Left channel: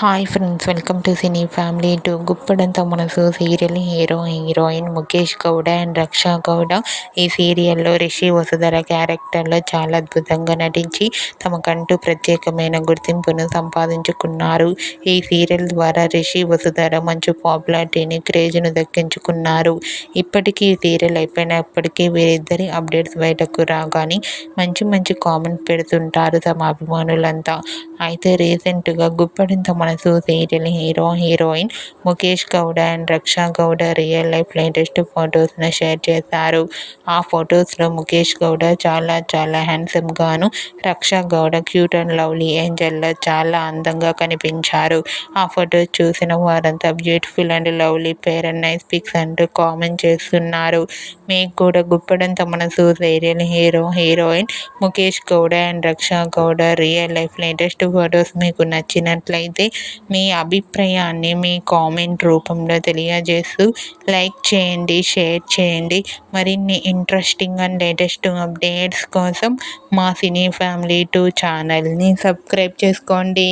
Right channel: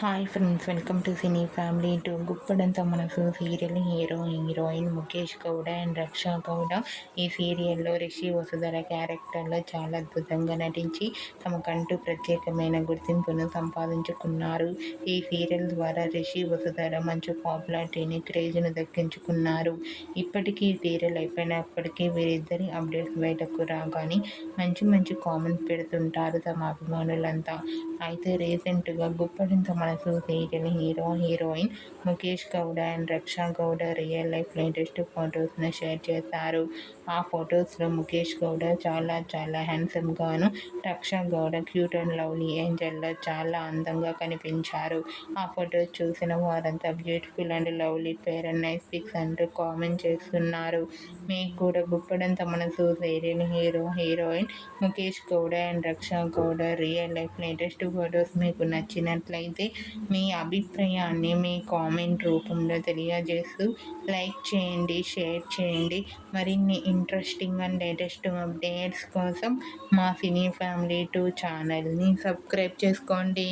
Hi friends, welcome to cine family to Guppedantha Manasu serial heroine Mukesh Gowda and Raksha Gowda ఈ సీరియల్లో రిషి వసుధర క్యారెక్టర్లో చాలా అద్భుతంగా నటించి తమకంటూ ప్రత్యేకమైన గుర్తింపును సంపాదించుకున్నారు. ఈ సీరియల్ ద్వారా రిషి వసుధర మంచి పాపులారిటీని క్రేజ్ను దక్కించుకున్నారు. ఇప్పటికీ ఈ సీరియల్ అయిపోయినప్పటికీ వీరిద్దరి అప్డేట్స్ బయటకు రాగానే మంచి మంచి కామెంట్ పెడుతుంటారు తమ అభిమానులంతా. అయితే రీసెంట్గా Guppedantha Manasu serial heroine Mukesh Gowda and Raksha Gowda real life latest ఫొటోస్ను షేర్ చేశారు. ఆ ఫొటోస్లో ముఖేష్ గౌడ చాలా చాలా హ్యాండ్సమ్గాను, Raksha Gowda cute and lovely ఏంజల్లా చాలా అందంగా కనిపించారు. ఆ ఫొటోస్ చూసిన వారంతా beautiful and lovely pair and nice pics అంటూ కామెంట్ చేస్తున్నారు. మీకు కూడా Guppedantha Manasu serial heroine Mukesh Gowda and Raksha Gowda real life latest photos మీకు నచ్చినట్లయితే మీ అభిప్రాయాన్ని మీ కామెంట్ రూపంలో తెలియజేస్తూ లైక్ చేయండి, షేర్ చేయండి. మరిన్ని ఇంట్రెస్టింగ్ అండ్ లేటెస్ట్ అప్డేట్స్ కోసం మా సినీ ఫ్యామిలీ 2 ఛానల్ని సబ్స్క్రైబ్ చేసుకోండి.